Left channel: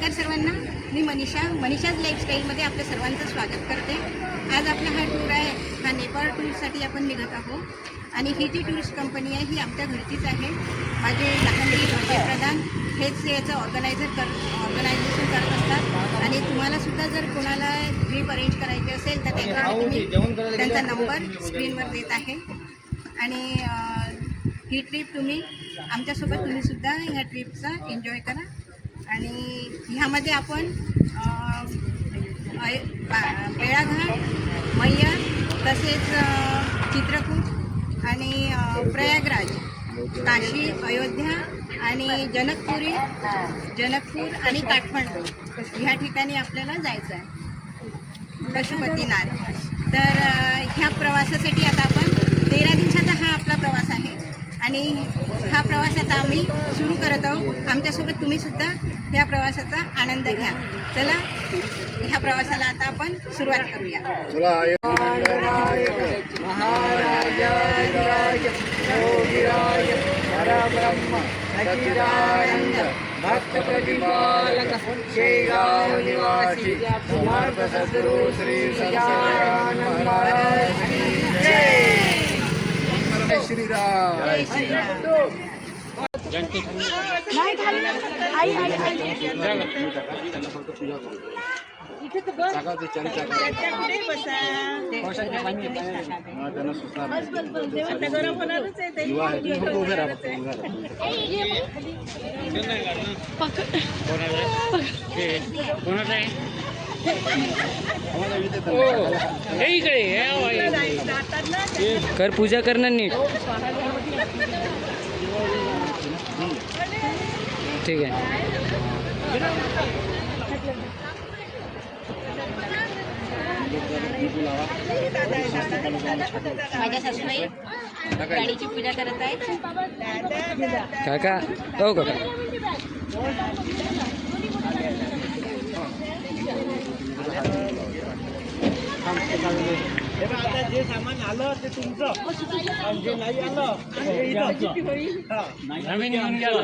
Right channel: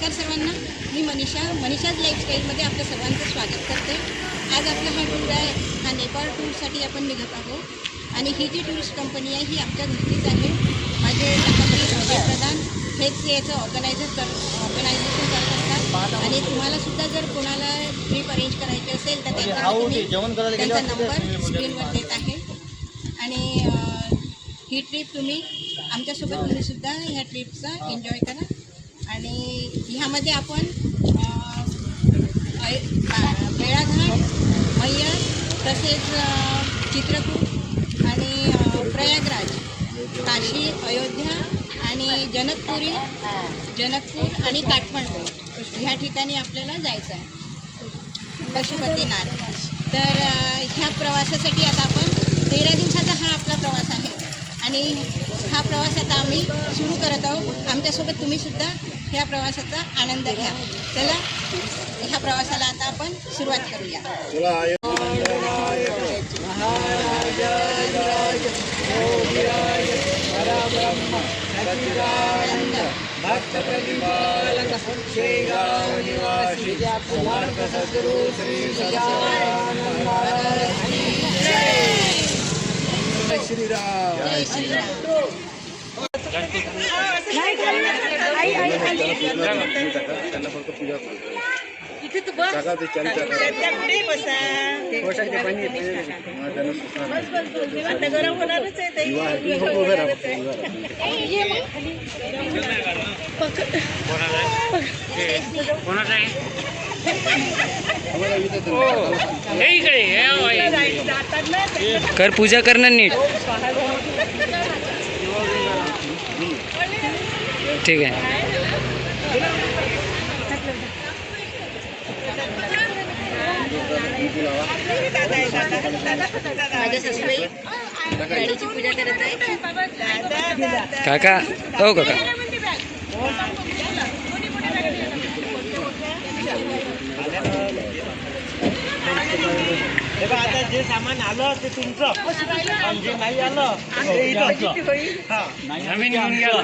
नमस्कार सर्वांना, मी मनीषाज लाईफस्टाईलमध्ये आपल्या सर्वांचं स्वागत करते। आज आपला हा टूर आहे, हा नेपाळ टूरसाठी आपण निघत आहोत आणि ही जी टुरिस्ट कंपनी आहे ही आमच्या घरचीच आहे। माझे लखनजी अजय प्रधान हेच याचं ऑर्गनायझेशन करत असतात आणि तुम्हालासुद्धा जर कोणाला ट्रिप अरेंज करायची असेल तर त्यांचा नंबर स्क्रीनवर देत आहे आणि ही ट्रिप तुम्हीसुद्धा ह्या ट्रिपचा एन्जॉय करा। आणि ह्यामध्ये आपण बेळाघाट, मैयर, तसेच चित्रकूट आणि प्रयागराज, काशी, अयोध्या आणि जनकपूर आणि काठमांडू ह्या ठिकाणी आपल्याला जायचं आहे, पशुपतीनाथ। तर ह्या प्रवासासाठी आता आपण 13 दिवसाचा हा आपला प्रवास आहे आणि हा प्रवास आता आम्ही सुरू करत आहोत। आमच्यासोबत तुम्हीसुद्धा ह्या प्रवासाचा आनंद घ्या। चला ह्या प्रवासाला आता आपण सुरुवात करूया। भक्त प्रतिपालक शेगाव निवासी समर्थ सद्गुरु श्री सच्चिदानंद महाराज की जय। श्रीराम जय श्रीराम। इथे तो बस त्याकडे बसा, आता गरम होणारच आहे ते। कोणाचा आहे कर पूजा करणं नीट, ठीक आहे। माझ्या सासूबाई गाडीची पूजा करत आहे। काका हो काका, आता जे सामान आलं ते तुमचं, जे नाही आलं आम्ही घेऊन गेलो।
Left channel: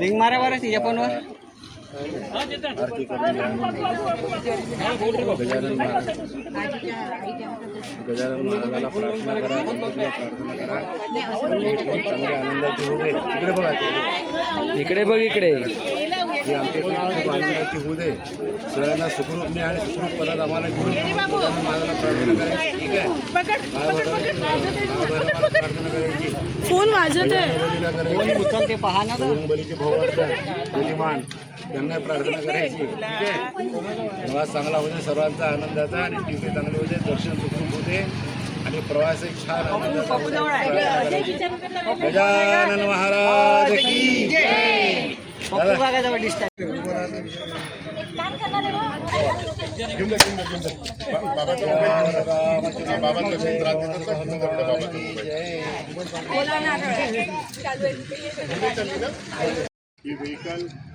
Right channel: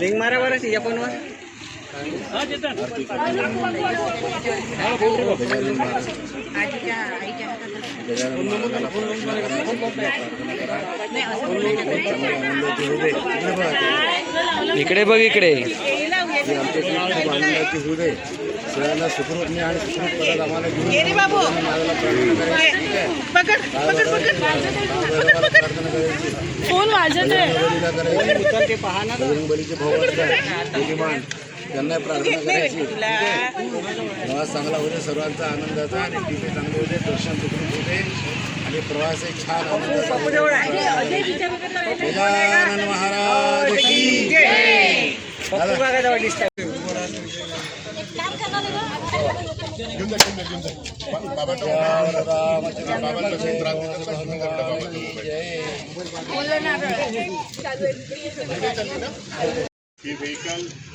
रिंग मारा बरं तिच्या फोनवर। इकडे बघ, इकडे खूप आनंदाची होऊ दे। सगळ्यांना सुखरूप आणि सुखरूप पदात आम्हाला फोन वाजत आहे, बजरंगबलीचे भाऊ बुद्धिमान त्यांना प्रार्थना करायची। मला चांगला होते, सर्वांचा आनंदाचा आणि तिथे चांगले होते, दर्शन सुखरूप होते आणि प्रवास एक छान आनंदाचा होता। गजानन महाराज की जय।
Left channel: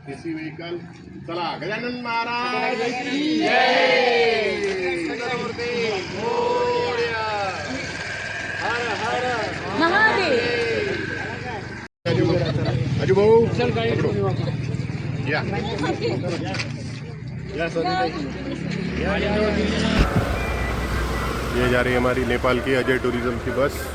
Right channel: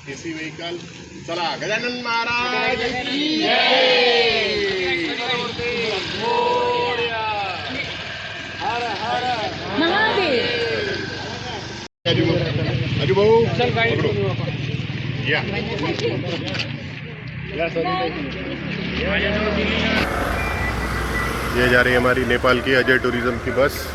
एसी व्हेकल चला, गजानन महाराज की जय। अजू भाऊ पकड़ो, या ये जा रही है हमारी नेपाल की अजय टूरिज्म की बस।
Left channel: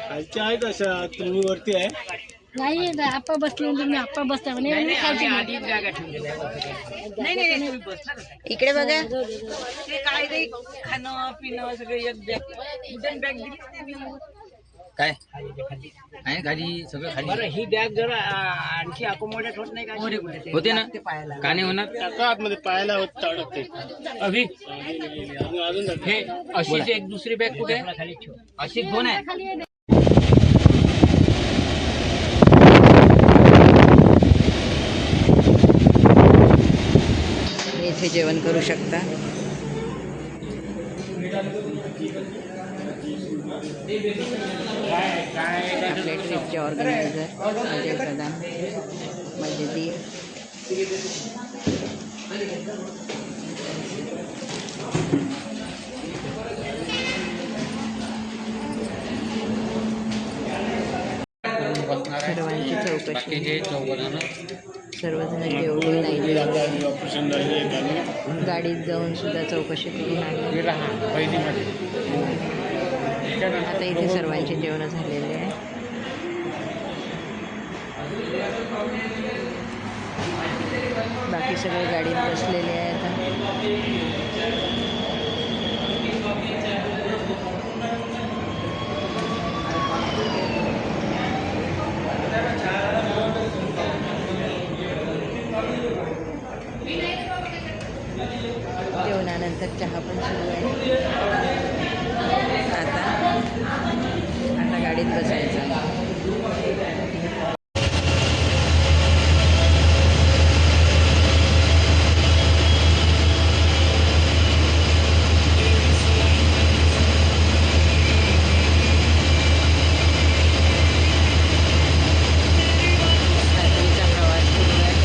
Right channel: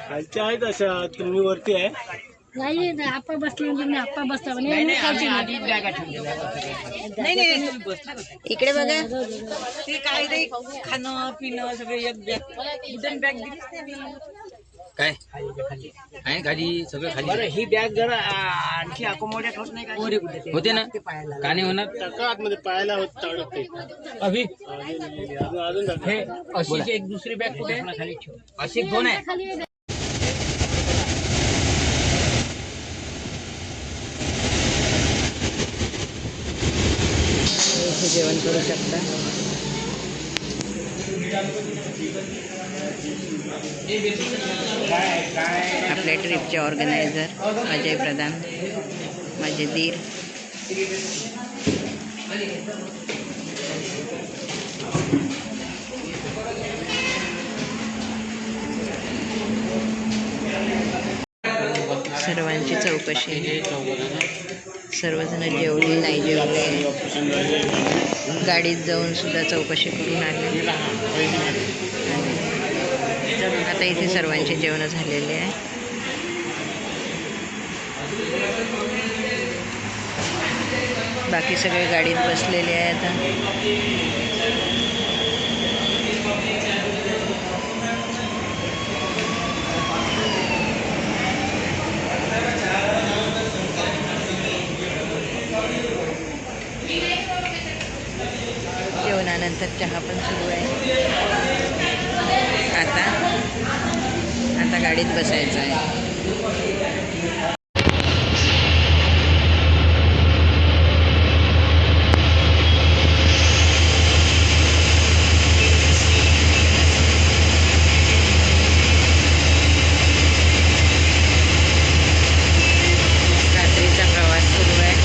खालच्या आहेत अशा, तुम्ही वरती आहे. नाही आप्पा बसले तुम्ही आप्पा बसता नाही इकडे बघा. ते काय रे खाणं पिणं सगळे एक बॅग वुडन बॅग दिलीच नाही मी. काय आहे खाली सगळं खाली. बरं ही बॅग जरा आणखी अकोमोडेट होत नाही का? होते ना का नाही होणार. टाका आतमध्ये पाहायला होत टाकते. अभि अजून हे अशीच एक दुसरी बॅग कुठे अशी कोण आहे. इथे जेवण करू शकता. आपल्या ट्रिपचे ऑर्गनायझर अजय प्रधान, माझे दीर. सर्वांची चौकशी. सर्वजण जेवले नाही जेवले, गाडीत जाऊन सुद्धा चौकशी करून आले. आता इथे सर्वांचे जेवण झालेले आहे. बाकी सगळे गाडीत बसलेले आहे आता. जेवणानंतर चहा पण सुरू आहे. आता गाडीत बसायचं आहे. रात्रीचा प्रवास सुरू आहे.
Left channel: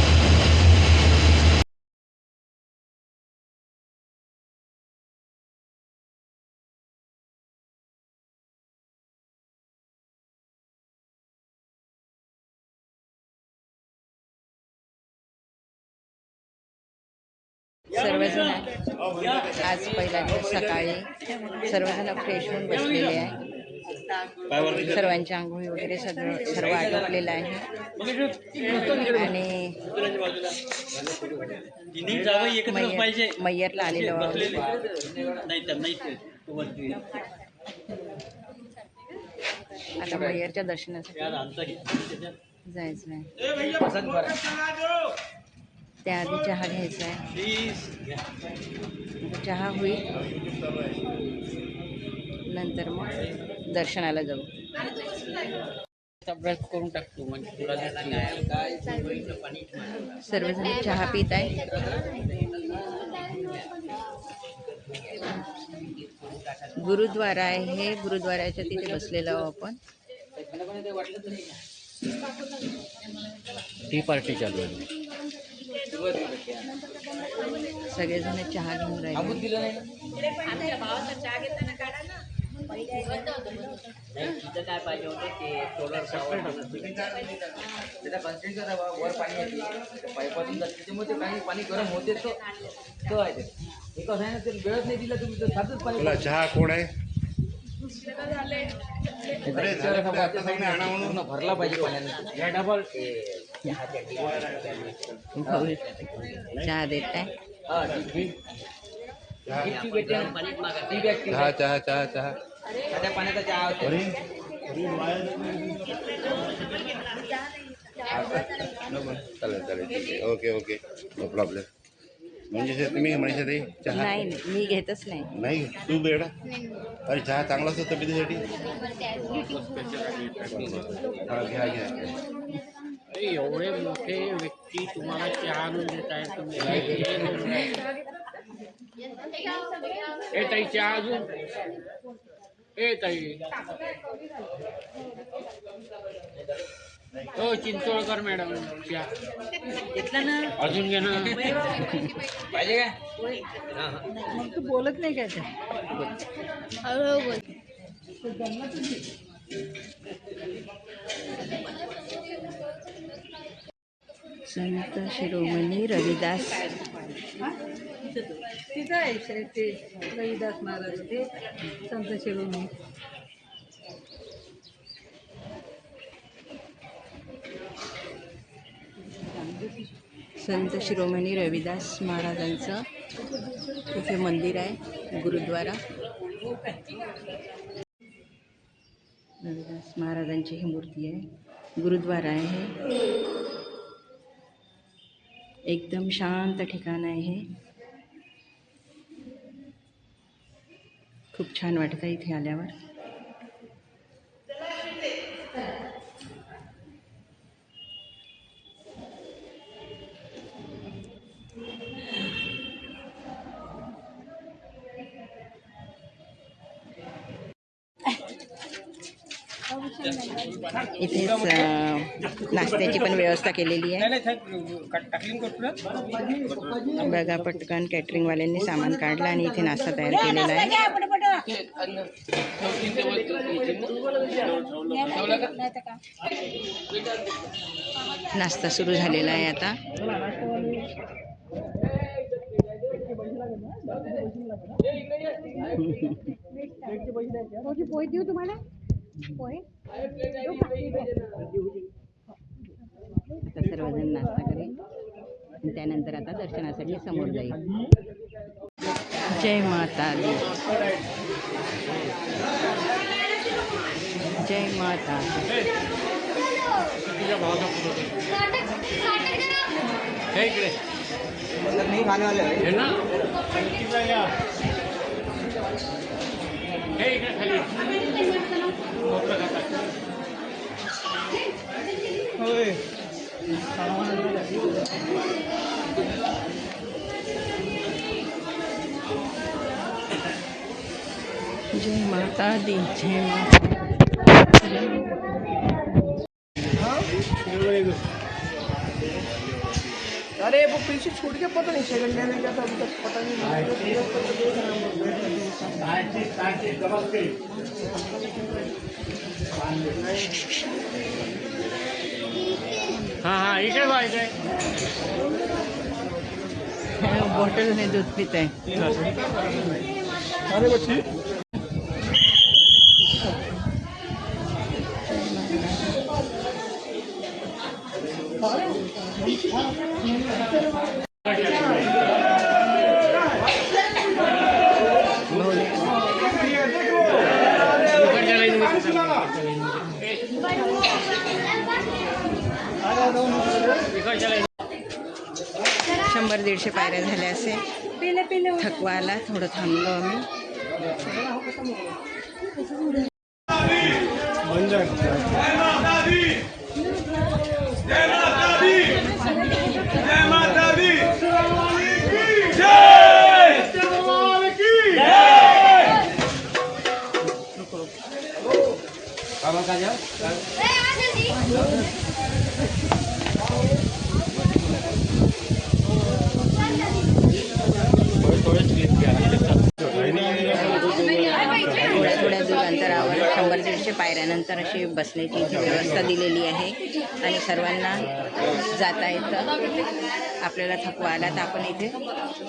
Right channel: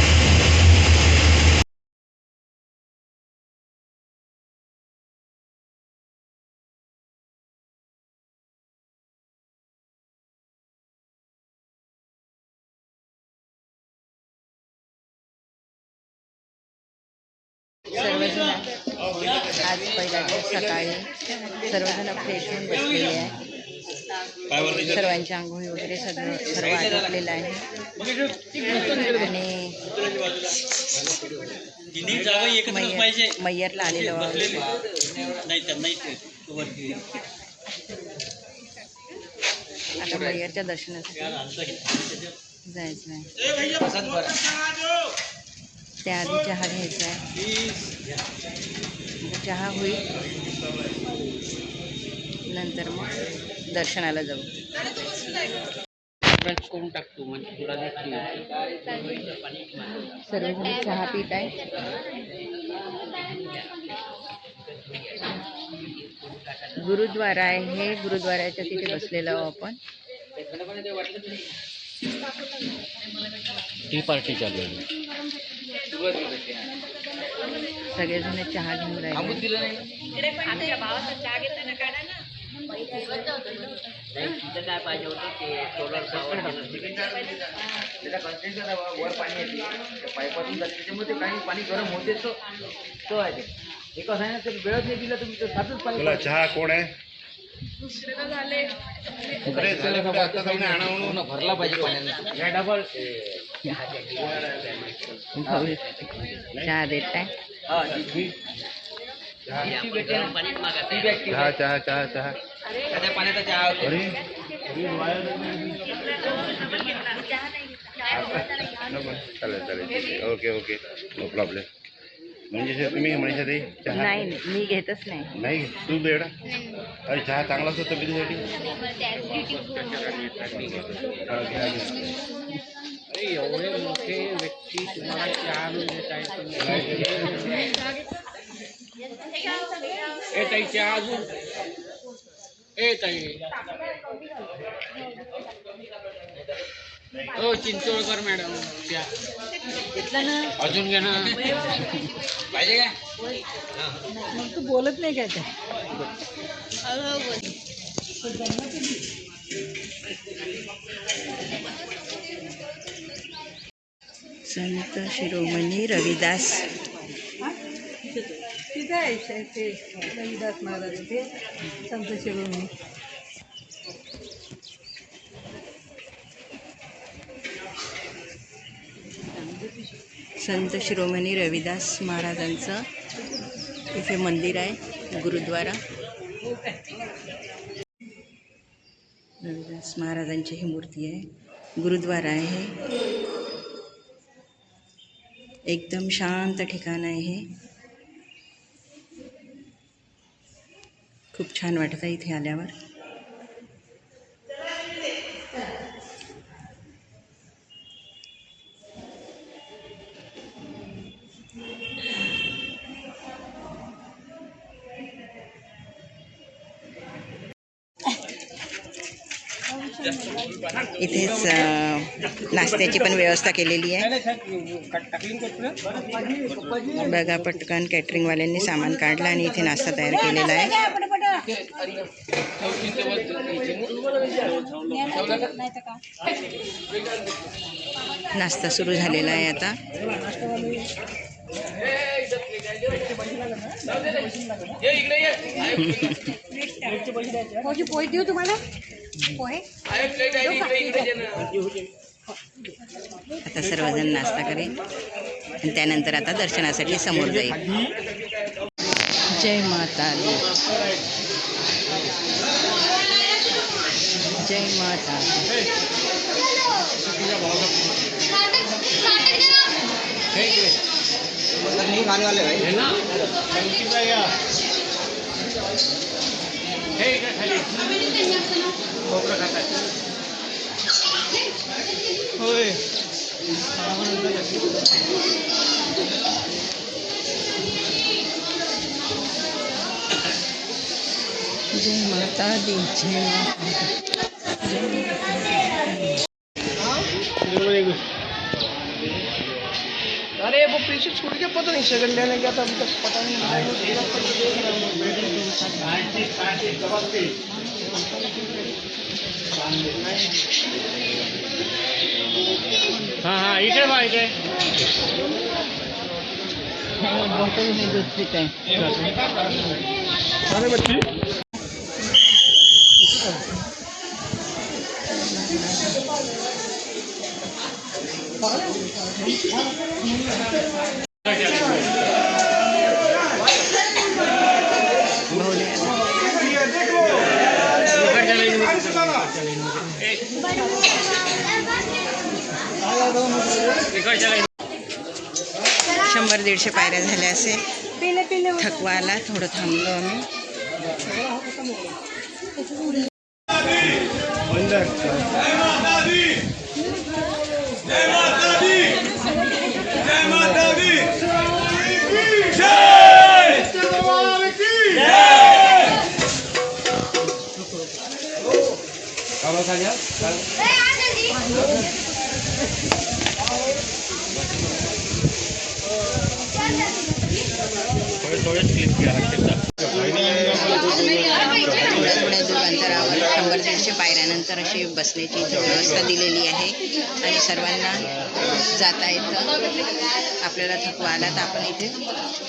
सर्वजण आज पहिला दिवस सकाळी सर्वजण फ्रेश होऊन बसलेले आहे. सर्वांच्या आंघोळी वगैरे सर्व आटोपलेलं आहे. आणि मय्यरला आलेलो आहोत. आता मय्यरच्या दर्शनासाठी जायचं आहे. त्याआधी चहा घ्यायचा आहे. चहा होईल, नंतर मग दर्शनाला जाऊ. करून टाकतो म्हणजे तुला सर्वजण चहा पित आहे. गुरुद्वारा आहे हे. गुरुद्वाराच्या तिथे बसलेलो आहोत आपण. टी पार्टी चालू आहे. सगळेजण चहा घेऊन राहिले. काय पाहिजे होते ते सोलर वर पाणी येते पाईपातून जाते त्याच्यामुळे ते काही पाणी गरम होते तो आहे ते. एक असं आहे ना, ते वेळच नाही दिला तुम्ही तर साधंच पाणी. बोला, चहा कोण आहे. पूर्ण भरला पाहिजे पाण्याने. या डबल भाऊ चहा देत आहे. चहा चहा चहा चहा. पाण्याचा चहा अरे चालेल चालेल. Okay okay, no problem. म्हणजे तुम्ही म्हणायचं ते चहा नाही, मी घेतच नाही. नाही तू बेडा. अरे चहा चांगला असतो तब्येतीसाठी. हा घ्या घ्या. एवढे मोठे व्यक्ती तुम्हाला चहा आणून देत आहेत. ताई चहा अजून. ताई हो चिंचोळकर मॅडम चहा घेतला ना अजून घे ना. पाहिजे का. तू बोलत नाही काय संत शिरोमणी रविदास तिथं आहे ते रविदास महाराज ते संत शिरोमणी. संत शिरोमणी रविदास महाराजांचं इथे मंदिर आहे, गुरुद्वारा. रविदास महाराजांची ही मूर्ती आहे, गुरुद्वारा आहे. एकदम शांत ठिकाण आहे हे. खूप छान वाटतं इथे आल्यावर. इथेच नाश्त्याची पण व्यवस्था केलेली आहे. बघा, पटकन कॅटरिंगवाल्यांनी सामान काढलं आणि इथे नाश्ता तयार केलेला आहे. नाश्ता सुरू झालेला आहे आता. पोहे देऊ तुम्हाला पोहे. आता सर्वजण नाश्ता करेल आणि त्यानंतर आता दर्शनासाठी समोर जाईल. जय माता दी, जय माता दी. जय माता दी, जय माता दी. अरे वो पीछे छूट के पता नहीं सेकंड लेने गया था, पता नहीं. हाँ इधर भाई इधर. बॉटल में दूध पीता है. अरे बच्ची शंभर 150 पायऱ्या झाल्या असे. थकवा आला, थोडं थांबलो आम्ही. थोड्या दूर अंतरावर 100-150 पायऱ्यानंतर अशी बसण्याची इथे व्यवस्था दिलेली आहे आणि सर्वांना जाता येतं. आपल्याला थकवा आला तर आपण इथे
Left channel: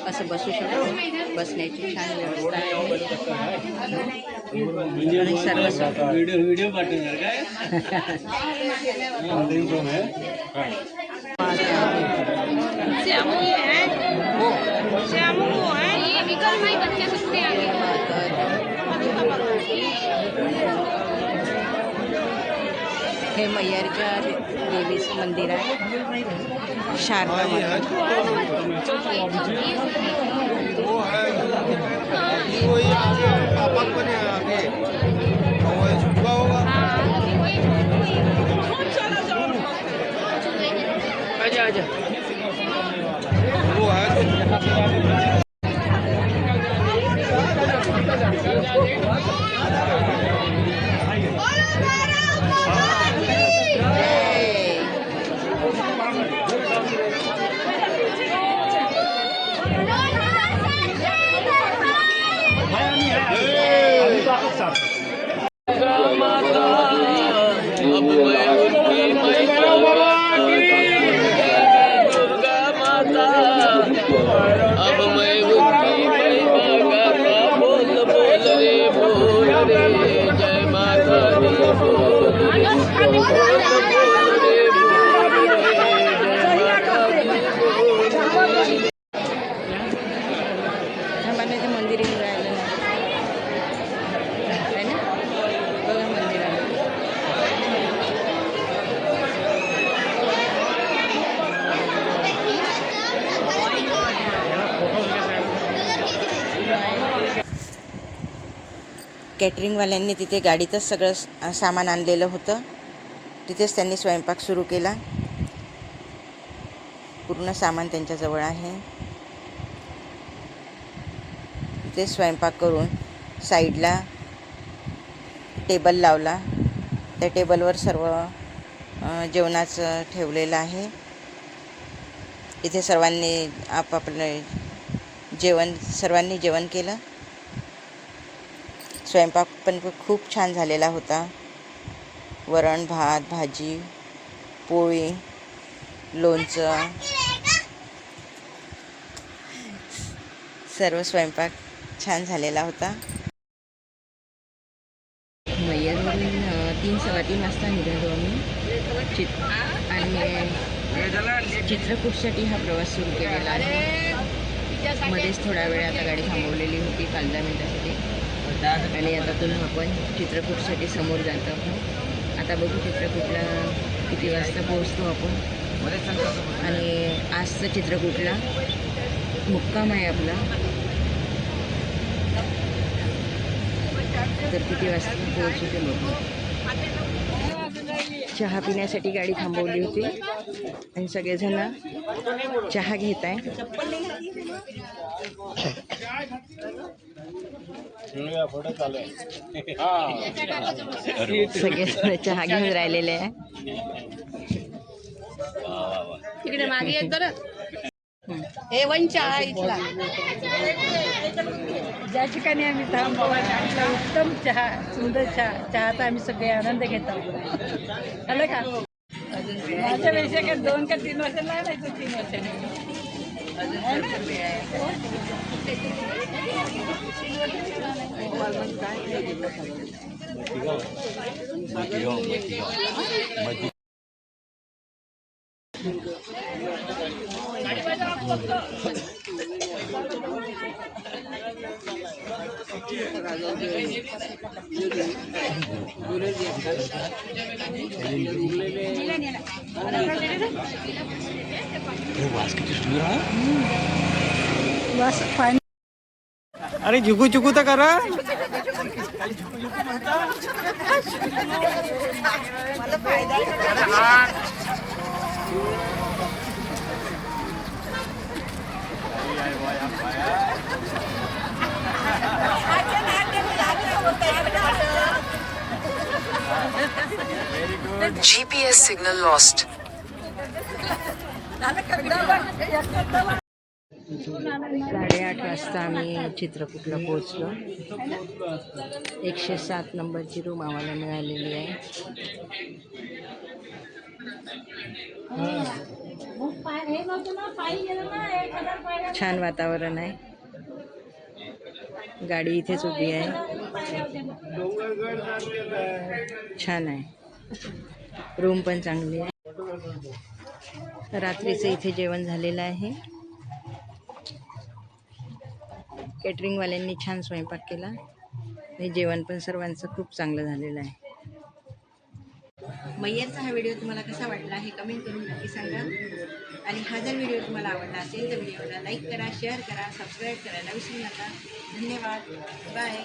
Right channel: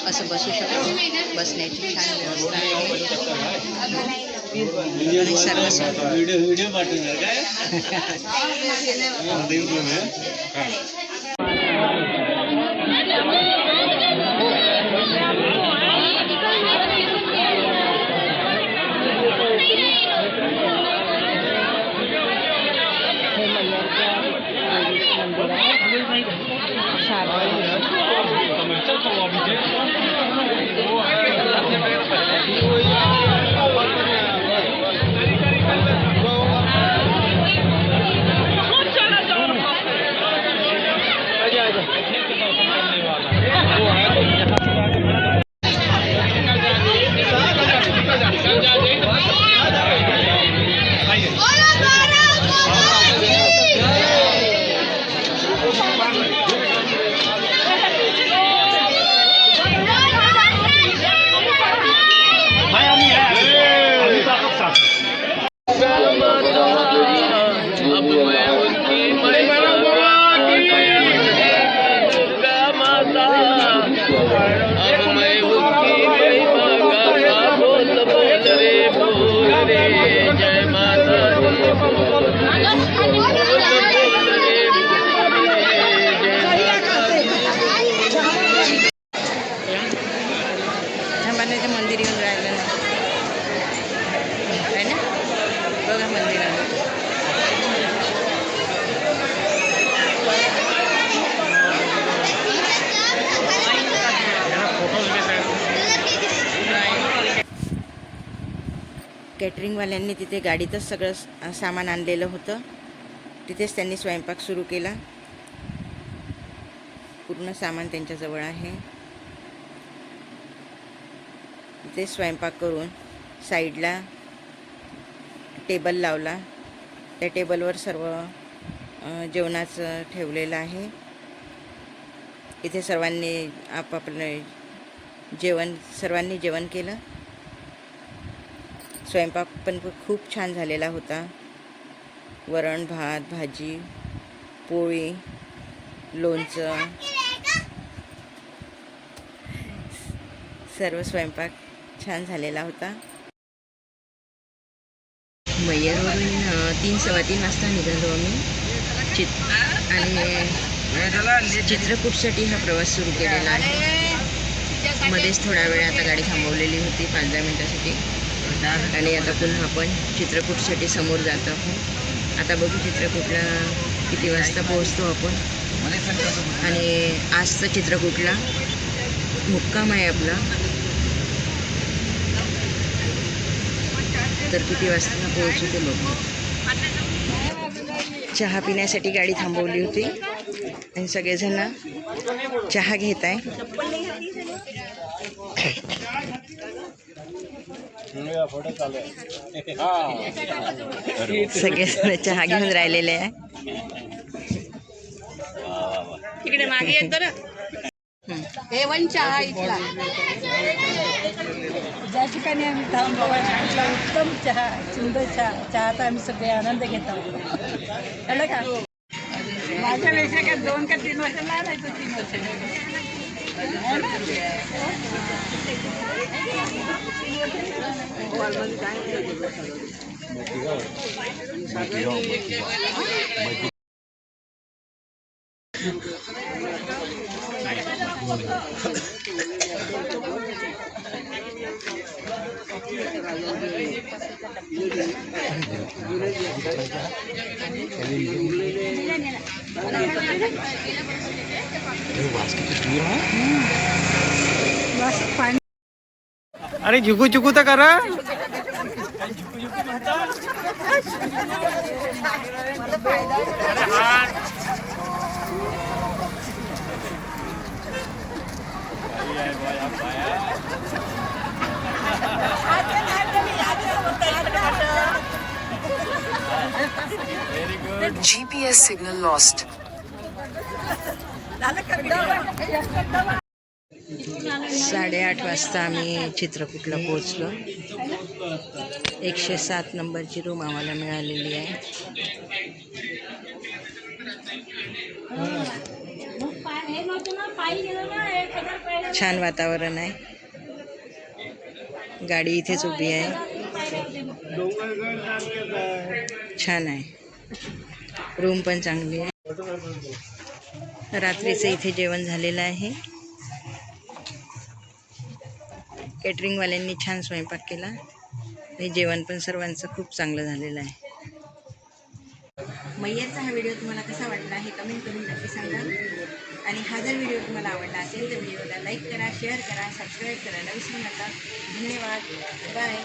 असं बसू शकतो. बसण्याची छान व्यवस्था आहे. व्हिडिओ पाठवणार काय? हे मय्यरच्या देवीचं मंदिर आहे, शारदा कॅटरिंगवाल्यांनी तिथे गाडीतच सगळं सामान आणलेलं होतं. तिथेच त्यांनी स्वयंपाक सुरू केला. पूर्ण सामान त्यांच्याजवळ आहे. तिथे स्वयंपाक करून साईडला टेबल लावला. त्या टेबलवर सर्व जेवणाचं ठेवलेलं आहे. इथे सर्वांनी आपापलं सर्वांनी जेवण केलं. स्वयंपाक पण खूप छान झालेला होता. वरण, भात, भाजी, पोळी, लोणचं, सर्व स्वयंपाक छान झालेला होता. मैयरवरून 3:15 वाजता निघालो आम्ही आणि चित्रकूटसाठी हा प्रवास सुरू केलेला आहे. मध्येच थोडा वेळ आता गाडी थांबवलेली होती 5-10 मिनिटासाठी आणि आता पुन्हा आपण चित्रकूटसाठी समोर जात आहोत. आता बघू चित्रकूटला किती वाजता पोहोचतो आपण. आणि आज तर चित्रकूटला मुक्काम आहे आपला. तर किती वाजता पोहोचू ते बघू. चहा पिण्यासाठी गाडी थांबवली होती आणि सगळेजण चहा घेत आहे. सगळेजण चहा घेऊन राहिलेले आहे. तिकडे मागे येत ना A1 चहा इथला. ज्या ठिकाणी आम्ही थांबवा म्हटलं उत्तम चहा, सुंदर चहाचा आम्ही सगळे आनंद घेत आहोत. कळलं का? माझ्यापेक्षा काय 2 का 3 वर्ष लहान आहे. 3 वर्ष अरे झुकू झुकू तर करा. GPS signal lost. 8:30 वाजता आम्ही चित्रकूटला पोहोचलो. 107 नंबरची रूम आम्हाला मिळालेली आहे. छान वातावरण आहे. गाडी इथेच उभी आहे. छान आहे. रूम पण चांगली आहे. रात्रीचं इथे जेवण झालेलं आहे. कॅटरिंगवाल्यांनी छान स्वयंपाक केला आणि जेवण पण सर्वांचं खूप चांगलं झालेलं आहे. मैयरचा हा व्हिडिओ तुम्हाला कसा वाटला हे कमेंट करून नक्की सांगा. आणि हा जर व्हिडिओ तुम्हाला आवडला असेल तर व्हिडिओला लाईक करा, शेअर करा, सबस्क्राईब करायला विसरू नका. धन्यवाद. बाय.